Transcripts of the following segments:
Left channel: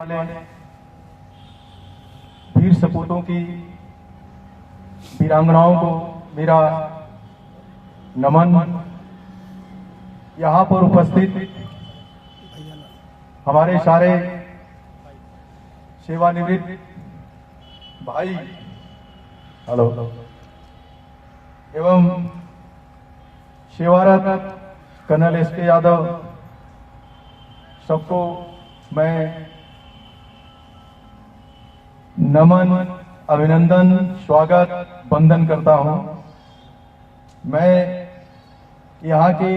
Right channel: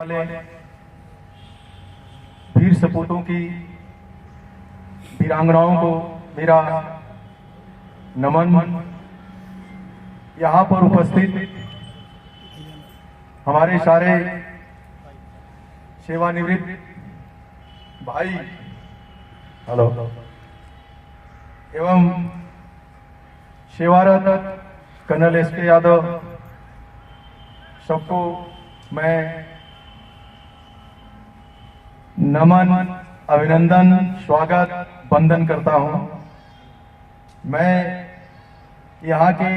वाले वीर सपूतों की वीरांगनाओं को मेरा नमन। यहाँ पर उपस्थित हमारे सारे सेवानिवृत्त भाई हेलो एवं सेवारत कर्नल एसके यादव, सबको मैं नमन, अभिनंदन, स्वागत, वंदन करता हूं। मैं यहाँ के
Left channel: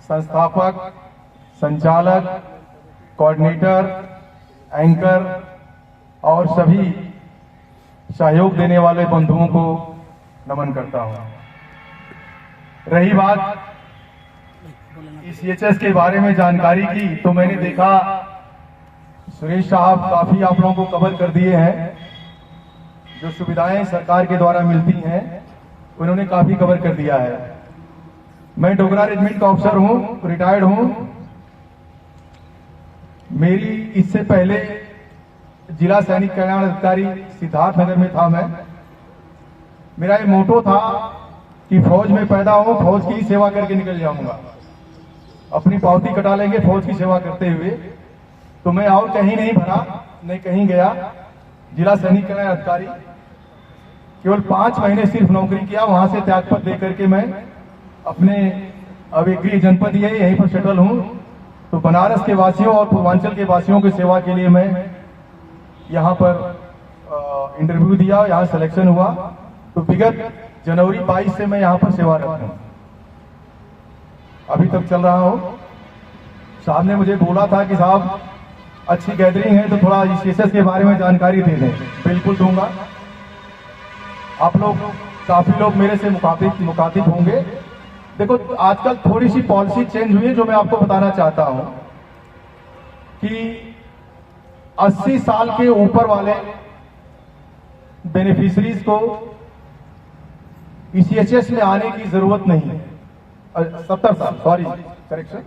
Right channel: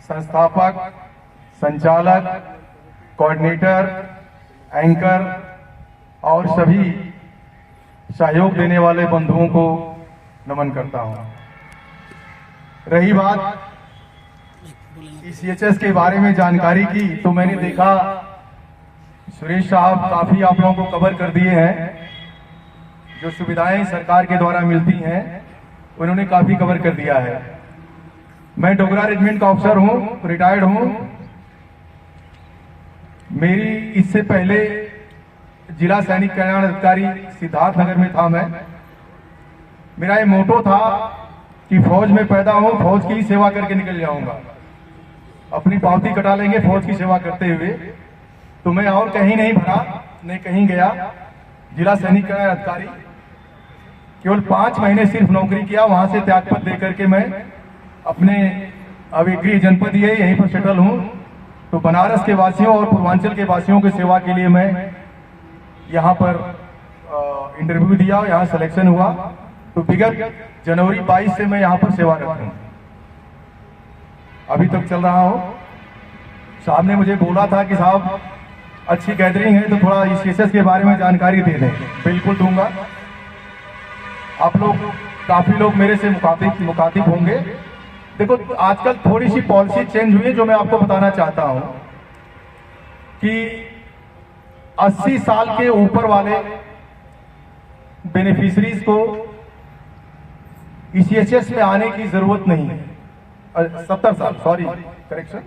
संस्थापक, संचालक, कोऑर्डिनेटर, एंकर और सभी सहयोग देने वाले बंधुओं को नमन करता हूं। रही बात सीएचएस के बारे में जानकारी की, तो मैंने देखा सुरेश साहब काफी आप लोगों को कवर कर दिए हैं। जो सुविधाएं सरकार के द्वारा मिलती हैं उन्होंने काफी कवर कर दिया है। मैं डोगरा रेजिमेंट का ऑफिसर हूं, रिटायर्ड हूं। मेरी इससे पहले जिला सैनिक कल्याण अधिकारी सिद्धार्थनगर में था। मेरा ये मोटो था कि फौज में पैदा हूं, फौज की ही सेवा करके निकल जाऊंगा। अपनी पावती कटा लेंगे फौज की सेवा करते हुए। तो मैं और कहीं नहीं भरा, नहीं कहीं गया। जिला सैनिक कल्याण अधिकारी केवल 5 महीने सिर्फ नौकरी किया। वहां से त्यागपत्र देकर के मैं अपने अब एक गृह जनपद ही है, यहीं पर सेटल हूं। तो बनारस के वासियों और पूर्वांचल के वासियों की सेवा के लिए मैं यहाँ पर इंटरव्यू दिया, यहाँ सिलेक्शन हुआ। तो विगत जनवरी 22 से मैं यहाँ पर सेवारत हूँ, अभी तक चल रहा हूँ। साहब ने मुझे बोला था कि साहब अच्छी गैदरिंग है तो थोड़ा सीएचएस के बारे में जानकारी दे दें। बिल्कुल दूंगा। आप लोग काफी लोग मेरे से मुखातिब होंगे। देखो, आजकल थोड़ी सी पॉलिसी चेंज हुई है जो मैं आपको बताना चाहता हूं कि 80 साल के ऊपर वाले बेनिफिशरीज को सीएचएस में आने की जरूरत नहीं है। 70 साल, सॉरी करेक्शन,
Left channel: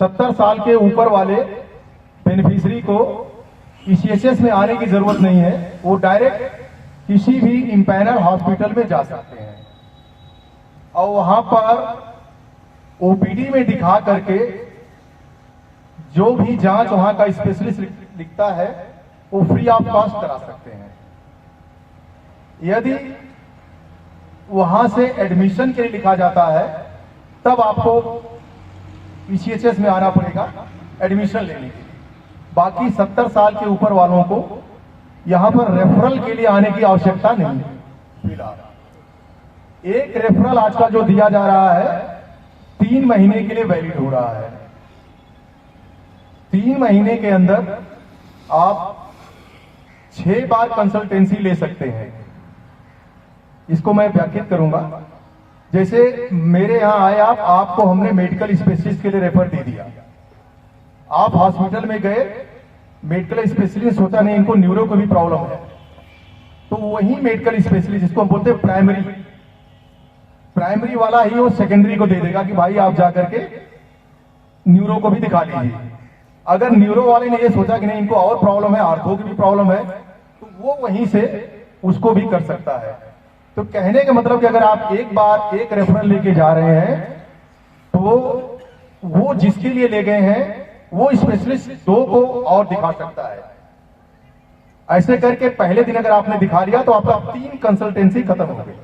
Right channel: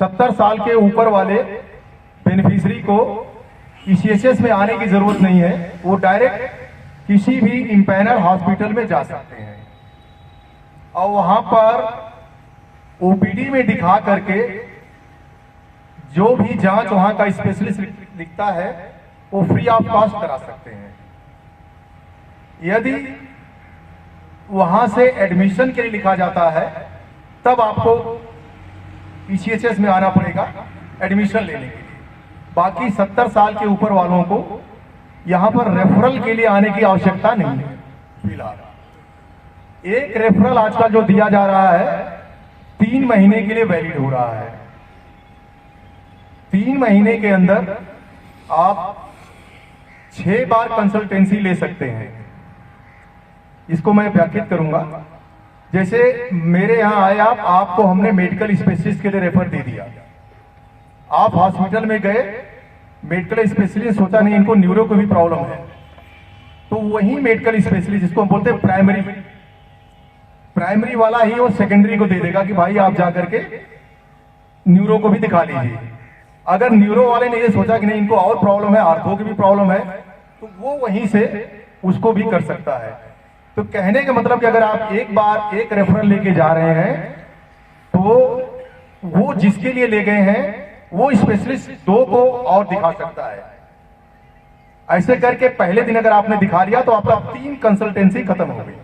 70 साल के ऊपर वाले बेनिफिशरी को सीएचएस में आने की जरूरत नहीं है। वो डायरेक्ट किसी भी इंपैनल हॉस्पिटल में जा सकते हैं और वहां पर ओपीडी में दिखा करके जो भी जांच वहां का स्पेशलिस्ट लिखता है वो फ्री ऑफ कॉस्ट करा सकते हैं। यदि वहां से एडमिशन के लिए लिखा जाता है तब आपको सीएचएस में आना पड़ेगा एडमिशन लेने के लिए। बाकी 70 साल के ऊपर वालों को यहां पर रेफरल के लिए आने की आवश्यकता नहीं है। फिलहाल एक रेफरल आजकल जो दिया जा रहा है 3 महीने के लिए वैलिड हो रहा है। 3 महीने के अंदर आप 6 बार कंसल्टेंसी ले सकते हैं। इसको मैं व्याख्यात करूंगा। जैसे मेरे यहां आए आपको हमने मेडिकल स्पेशलिस्ट के लिए रेफर दे दिया। आप हॉस्पिटल में गए, मेडिकल स्पेशलिस्ट सोचा नहीं इनको न्यूरो को भी प्रॉब्लम है, तो वही मेडिकल स्पेशलिस्ट जिसको हम बोलते हैं प्राइमरी वाला ही वो सेकेंडरी को दे देगा कि भाई आप जाकर के न्यूरो को भी दिखा लीजिए। अगर न्यूरो वाले ने ये सोचा कि नहीं इनको और प्रॉब्लम है, आर्थो की भी प्रॉब्लम है, तो वो वहीं से उसको भी कर सकता है। तो कहने का मतलब कि अगर आप एक बार एक रेफरल लेके जा रहे हैं तो वो जिसके लिए ले गए हैं वो स्पेशलिस्ट 2 को और दिखा सकता है। ऐसे करके पहले दिन अगर आपने दिखा लिया तो आपका 3 कंसल्टेंसी खत्म हो गई।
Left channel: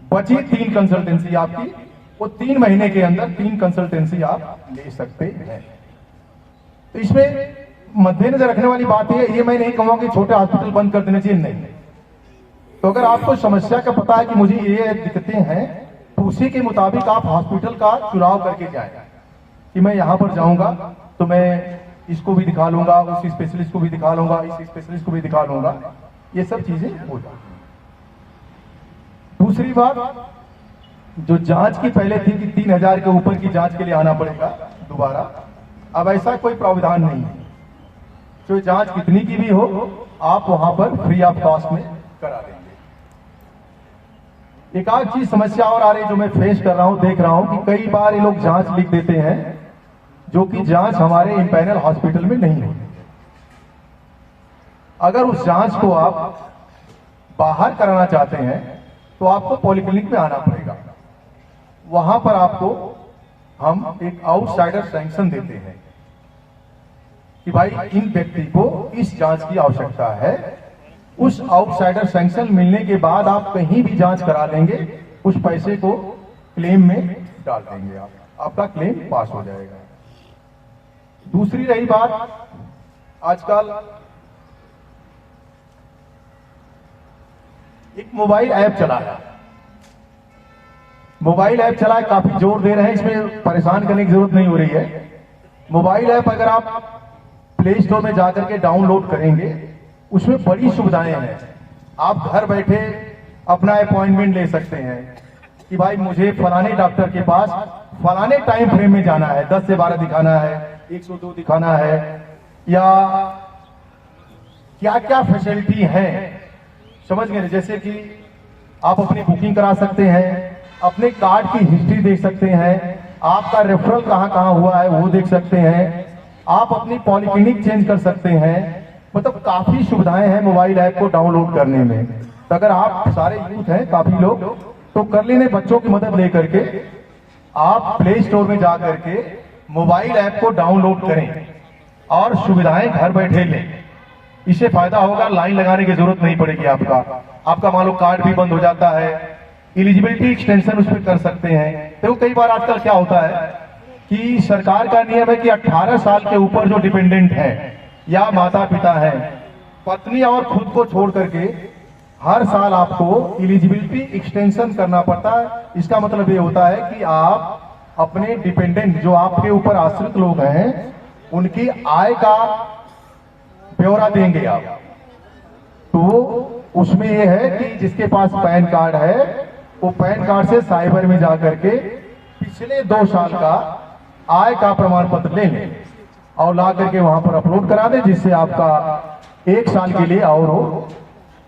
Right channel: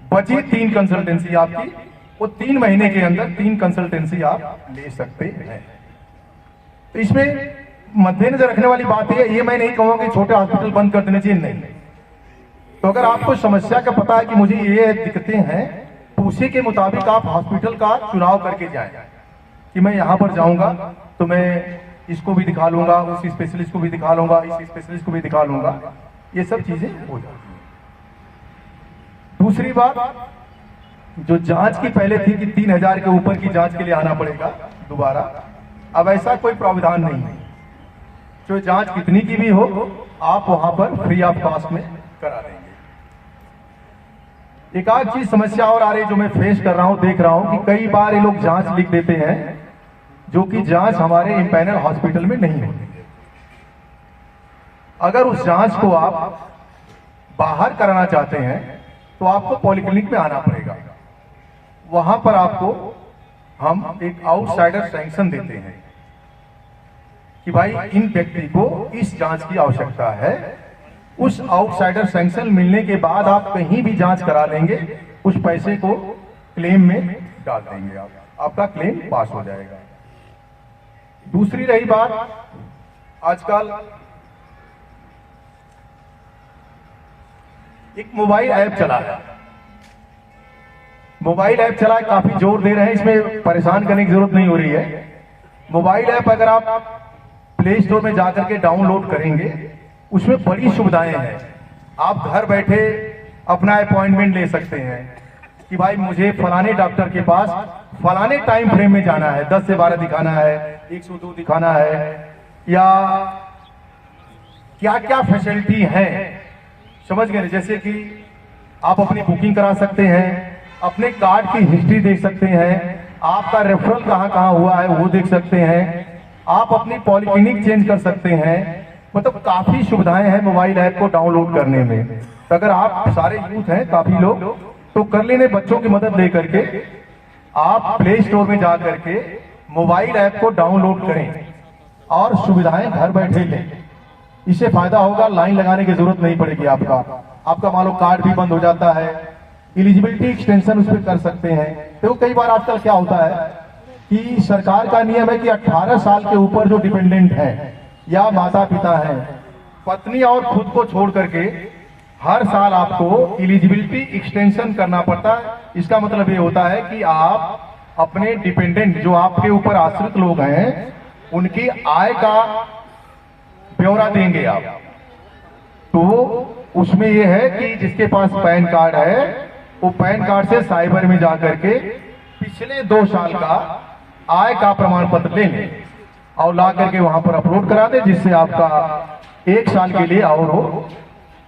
बची 3 कंसल्टेंसी आपकी, वो 3 महीने के अंदर 3 कंसल्टेंसी आप ले सकते हैं। तो इसमें मद्देनजर रखने वाली बात ये मैं नहीं कहूंगा कि छोटे हॉस्पिटल बंद कर देने चाहिए, नहीं। तो अगर आपको समस्या का पता है कि मुझे ये दिक्कतें हैं तो उसी के मुताबिक आप हॉस्पिटल का चुनाव करके जाएं कि मैं यहां पर जाऊंगा तो मैं इसको भी दिखा लूंगा, उस स्पेशलिस्ट को भी दिखा लूंगा, इस स्पेशलिस्ट को भी दिखा लूंगा। ये सब चीजें हो जाती हैं। दूसरी बात, जो जांच की पहले थी कि 3000 के ऊपर की जांच के लिए आना पड़ेगा दोबारा, अब ऐसा कोई प्रावधान नहीं है। जो जांच कितनी की भी हो आप वहां पर फ्री ऑफ कॉस्ट में करा देंगे। एक आध चीज समस्या और आ रही जो मैं फेस कर रहा हूं, देख रहा हूं कि कई बार ये लोग जांच लिख देते हैं जो कि जांच हमारे इंपैनल हॉस्पिटल में नहीं होती है। अगर उस जांच को आप बाहर कराना चाहते हैं तो आपको पॉलिक्लिनिक में आना पड़ेगा। वहां पर आपको हम एक आउटसाइडर सैंक्शन देते हैं कि भाई इन व्यक्ति को इस जांच की आवश्यकता है। उस आउटसाइडर सैंक्शन मिलने के बाद आप कहीं भी जांच करा देंगे, उस पैसे को क्लेम में डाल देंगे, आपका क्लेम पास हो जाएगा। दूसरी रही बात, आजकल एक मोबाइल ऐप चला है, काफी जोर दे रहे हैं, इसमें परेशान करने की जरूरत नहीं हो रही है। मोबाइल ऐप अगर आप प्ले स्टोर में जाकर के डाउनलोड करेंगे, उसमें बड़ी सुविधाएं हैं। आप घर बैठे अपना अपॉइंटमेंट ले सकते हैं कि भाई मुझे फलाने डॉक्टर के पास फलाने टाइम फ्रेम में जाना है, 10 से 12 दिखाना है, 102 दिखाना है, या क्या क्या फैसिलिटी है, समझ गए। जैसे कि आप अपनी बुकिंग करा सकते हैं, अपने कार्ड की हिस्ट्री देख सकते हैं, आपका रेफरल कहां कहां हुआ है वो देख सकते हैं, आप अपनी पॉलिक्लिनिक चेंज कर सकते हैं। मतलब काफी सुविधाएं हैं मोबाइल ऐप को डाउनलोड करने में। तो अगर आप सारे यूथ हैं काफी लोग, तो कर लेने बच्चों की मदद लेकर के आप प्ले स्टोर में जाकर के मोबाइल ऐप को डाउनलोड करें और सुविधाएं घर बैठे लें। इससे फायदा होगा, लाइन लगाने की जरूरत नहीं पड़ेगी। आपका मान लो कार्ड भी बंद हो जाता है, एलिजिबिलिटी एक्सटेंशन उस पर कर सकते हैं। तो कई बार आजकल क्या होता है कि सरकार का नियम है कि 18 साल के ऊपर जो डिपेंडेंट हैं या माता पिता हैं, पत्नी और खुद को छोड़ करके हर साल आपको एलिजिबिलिटी एक्सटेंशन करना पड़ता है। इसका मतलब ये होता है कि आप अपने डिपेंडेंट जो आपके ऊपर आश्रित लोग हैं, उनकी आय का ब्यौरा देंगे आप। तो उसमें यह है कि जिसके पास पैन कार्ड है वो पैन कार्ड से साइबर में जाकर के पिछले 2 साल का आय का प्रमाण पत्र ले लें और ला करके वहां पर अपलोड करा दें, जिससे आपका 1 साल के लिए और वो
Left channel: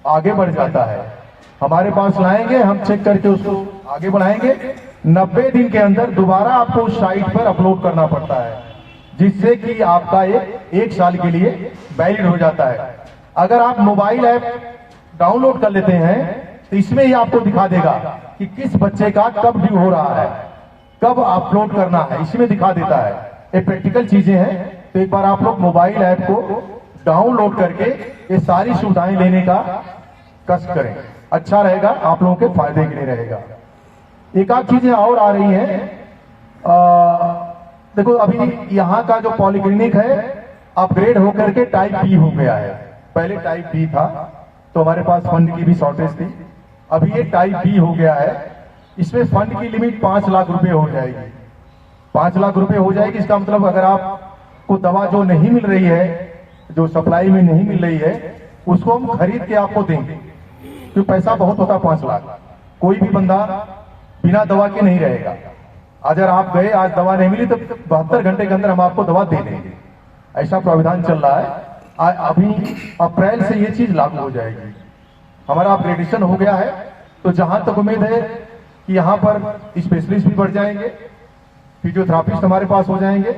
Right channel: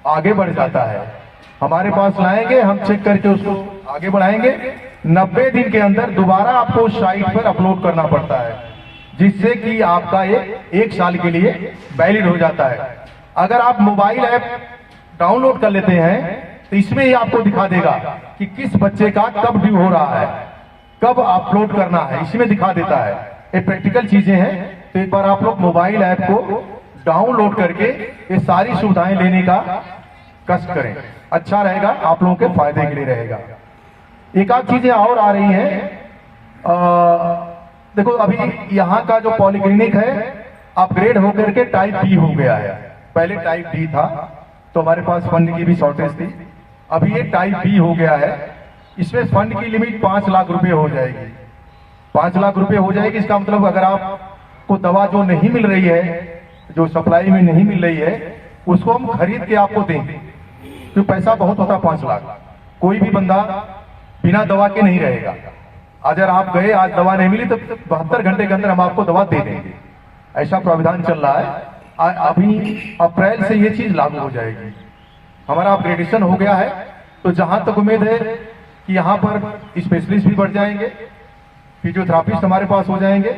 आगे बढ़ जाता है। हमारे पास लाएंगे, हम चेक करके उसको आगे बढ़ाएंगे। 90 दिन के अंदर दोबारा आपको उस साइट पर अपलोड करना पड़ता है, जिससे कि आपका एक साल के लिए वैलिड हो जाता है। अगर आप मोबाइल ऐप डाउनलोड कर लेते हैं तो इसमें ही आपको दिखा देगा कि किस बच्चे का कब ड्यू हो रहा है, कब अपलोड करना है, इसमें दिखा देता है। ये प्रैक्टिकल चीजें हैं। तो एक बार आप लोग मोबाइल ऐप को डाउनलोड करके ये सारी सुविधाएं लेने का कष्ट करें, अच्छा रहेगा, आप लोगों के फायदे के लिए रहेगा। एक आध चीजें और आ रही हैं। देखो अभी यहाँ का जो पॉलिक्लिनिक है अपग्रेड होकर के टाइप बी हो गया है। पहले टाइप डी था तो हमारे पास फंड की भी शॉर्टेज थी, अभी ये टाइप बी हो गया है। इसमें फंड की लिमिट 5 लाख रुपए हो जाएगी। 5 लाख रुपए हो जाएगी। इसका मतलब अगर आपको दवा जो नहीं मिल रही है, जो सप्लाई में नहीं मिल रही है, उसको हम खरीद के आपको देंगे। तो पैसा बहुत होता 5 लाख। कोई भी बंदा बिना दवा के नहीं रहेगा। अगर आप गए आज दवा नहीं मिली तो 72 घंटे के अंदर हम आपको दवा दे देंगे। ऐसा प्रावधान चल रहा है। अभी अप्रैल से ये चीज लागू हो जाएगी। हमारा अपग्रेडेशन हो गया है, तो जहां तक उम्मीद है कि यहाँ पर स्पेशलिस्ट भी बढ़ जाएंगे, फिजियोथेरापिस्ट हमारे पास हो जाएंगे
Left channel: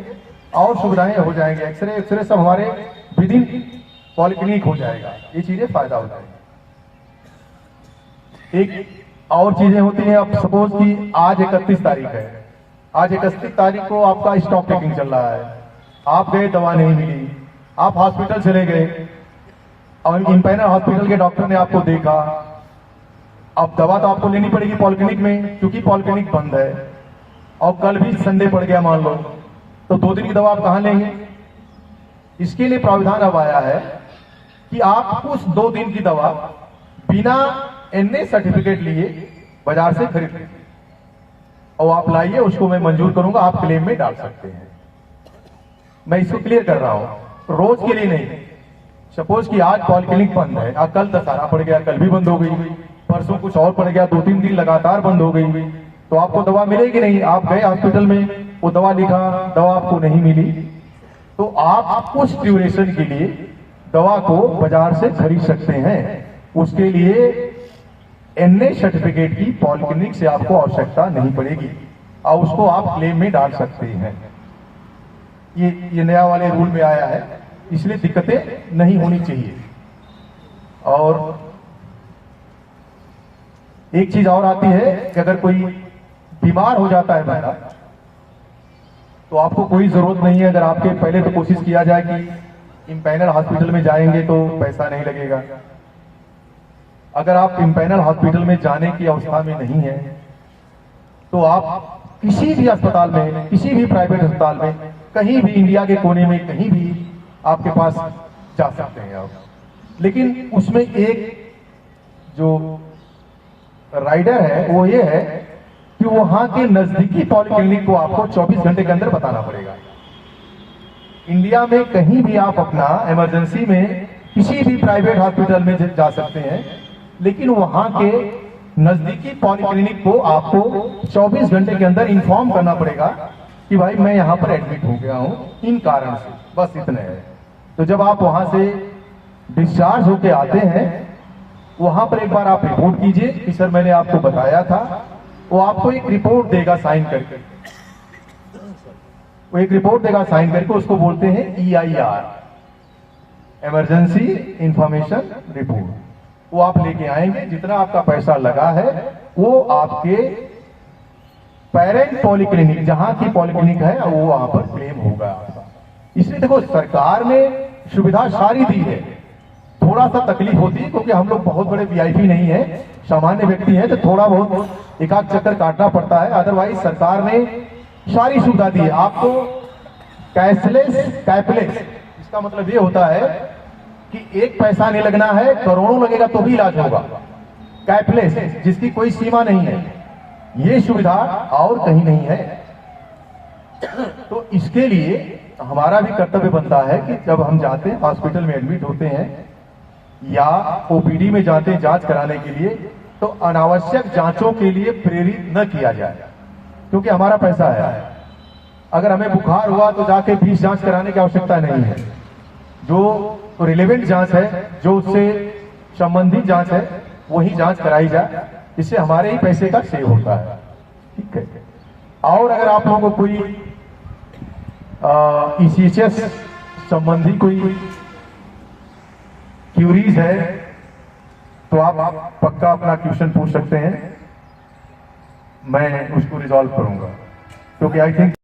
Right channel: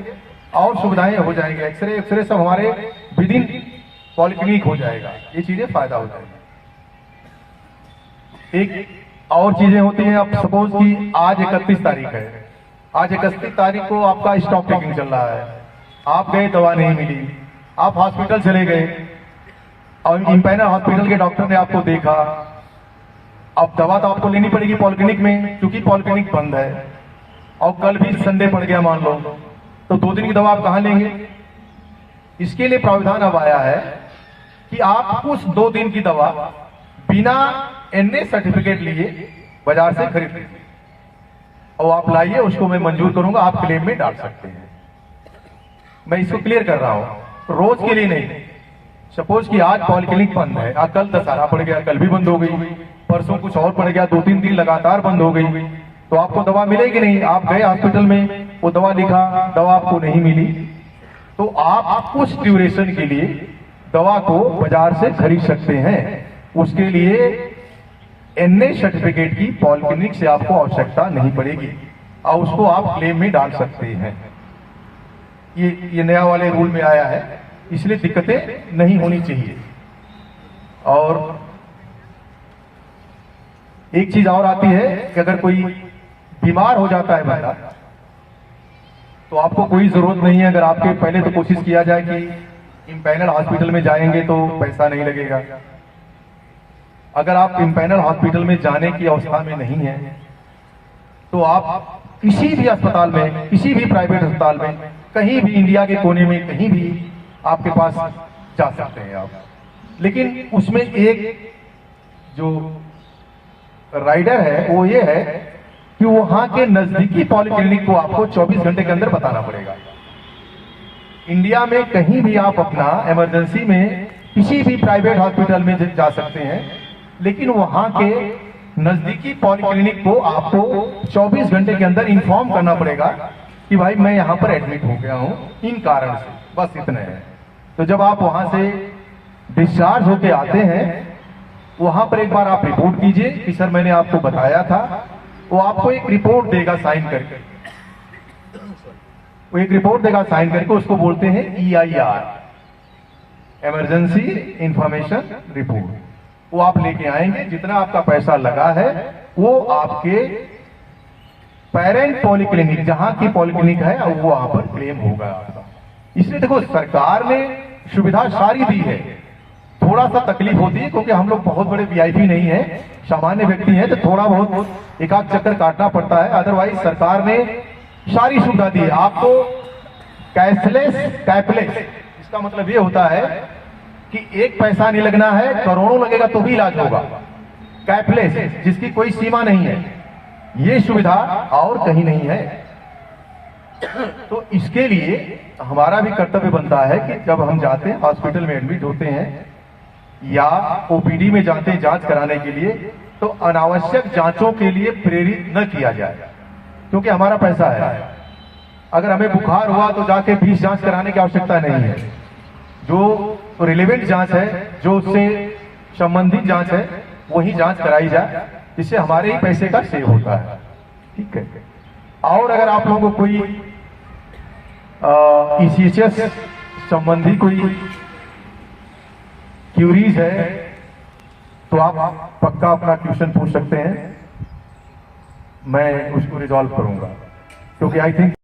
और सुविधाएं हो जाएंगे। एक्सरे सब हमारे विद इन पॉलिक्लिनिक हो जाएगा। ये चीजें फायदा हो जाएगी। एक और चीजें होती हैं। अब सपोज कि आज 31 तारीख है, आज 31 तारीख को आपका स्टॉक टेकिंग चल रहा है, आप गए दवा नहीं मिली, आप हॉस्पिटल चले गए और इंपैनल हॉस्पिटल के डॉक्टर ने आपको देखा। अब दवा तो आपको लेनी पड़ेगी पॉलिक्लिनिक में, क्योंकि पॉलिक्लिनिक बंद है और कल भी संडे पड़ गया मान लो, तो 2 दिन की दवा आप कहां लेंगे। इसके लिए प्रावधान अब आया है कि आप उस 2 दिन की दवा बिना एनए सर्टिफिकेट लिए बाजार से खरीद लीजिए और आप लाइए, उसको मैं मंजूर करूंगा, आप क्लेम में डाल सकते हैं। मैं इसको क्लियर कर रहा हूं, रोज के लिए नहीं। सपोज कि आज पॉलिक्लिनिक बंद है, कल दशहरा पड़ गया, कल भी बंद हो गई, परसों कुछ और पड़ गया, 2-3 दिन लगातार बंद हो गई, तो आपको दवा मिलेगी नहीं। आप गए हॉस्पिटल में, वो दवा लिखा, दवा आपको नहीं मिली, तो आप उस ड्यूरेशन के लिए दवा को बाजार से खरीद सकते हैं। उसके लिए एनए सर्टिफिकेट की पॉलिक्लिनिक से आपको आवश्यकता नहीं पड़ेगी और उसको आप क्लेम में डाल सकते हैं। ये नया वाले रूल में आया है, इसलिए दिक्कतें नहीं होनी चाहिए। और एक चीज और आती है कि अगर कोई बीमार हो जाता है बंदा, तो आपको कोई जरूरत नहीं है, अगर आपके पहले तो कोशिश किया जाए कि इम्पैनल हॉस्पिटल में जाएंगे तो पैसा नहीं लगेगा। अगर आप इम्पैनल हॉस्पिटल में जाने की अवस्था में नहीं है तो आप किसी भी अस्पताल में, किसी भी प्राइवेट अस्पताल में, कहीं भी इंडिया के कोने में कहीं भी आपके पास जा सकते हैं आप। लेकिन उसमें एक जो राइडर है वो ये है कि वहां के नजदीकी पॉलिक्लिनिक को आपको 24 घंटे के अंदर बताना पड़ेगा। इंडिया में कहीं भी आप अपना इमरजेंसी में किसी भी प्राइवेट हॉस्पिटल में जा सकते हैं, लेकिन वहां के नजदीकी पॉलिक्लिनिक को आपको 24 घंटे के अंदर इन्फॉर्म करना पड़ेगा कि भाई मैं यहां पर एडमिट हो गया हूं इन कारण से, बस इतना है। तो जब आप वहां से डिस्चार्ज होके आते हैं, वहां पर एक बार आप रिपोर्ट कीजिए कि सर मैंने आपको बताया था। वो आपको एक रिपोर्ट देगा साइन करके, वो एक रिपोर्ट देगा साइन करके, उसको बोलते हैं EIR, इमरजेंसी इंफॉर्मेशन रिपोर्ट। वो आप लेके आएंगे, जितना आपका पैसा लगा है वो आपके पेरेंट पॉलिक्लिनिक, जहां की पॉलिक्लिनिक है वो वहां पर क्लेम होगा। इसलिए देखो सरकार ने सुविधा सारी दी है, थोड़ा सा तकलीफ होती है क्योंकि हम लोग बहुत बड़े VIP नहीं है, सामान्य व्यक्ति हैं, तो थोड़ा बहुत एक आध चक्कर काटना पड़ता है। अदरवाइज सरकार ने सारी सुविधा दी है आपको। कैशलेस कैपलेस, इसका मतलब ये होता है कि एक पैसा नहीं लगना है, करोड़ों लगेगा तो भी इलाज होगा। कैपलेस, जिसकी कोई सीमा नहीं है, ये सुविधा और कहीं नहीं है। तो इसके लिए हमारा भी कर्तव्य बनता है कि जब हम जाते हैं हॉस्पिटल में एडमिट होते हैं या OPD में जाते हैं जांच कराने के लिए, तो अनावश्यक जांचों के लिए प्रेरित न किया जाए, क्योंकि हमारा पैसा है। अगर हमें बुखार हुआ तो जाके 20 जांच कराने की आवश्यकता नहीं है। जो रिलेवेंट जांच है, जो उससे संबंधित जांच है, वही जांच कराई जाए, इससे हमारे ही पैसे का सेव होता है। ठीक है। और अगर आप लोगों को कोई ECHS संबंधी कोई क्यूरीज है तो आप पक्का अपना क्वेश्चन पूछ सकते हैं, मैं उसको रिजॉल्व करूंगा, क्योंकि आई थिंक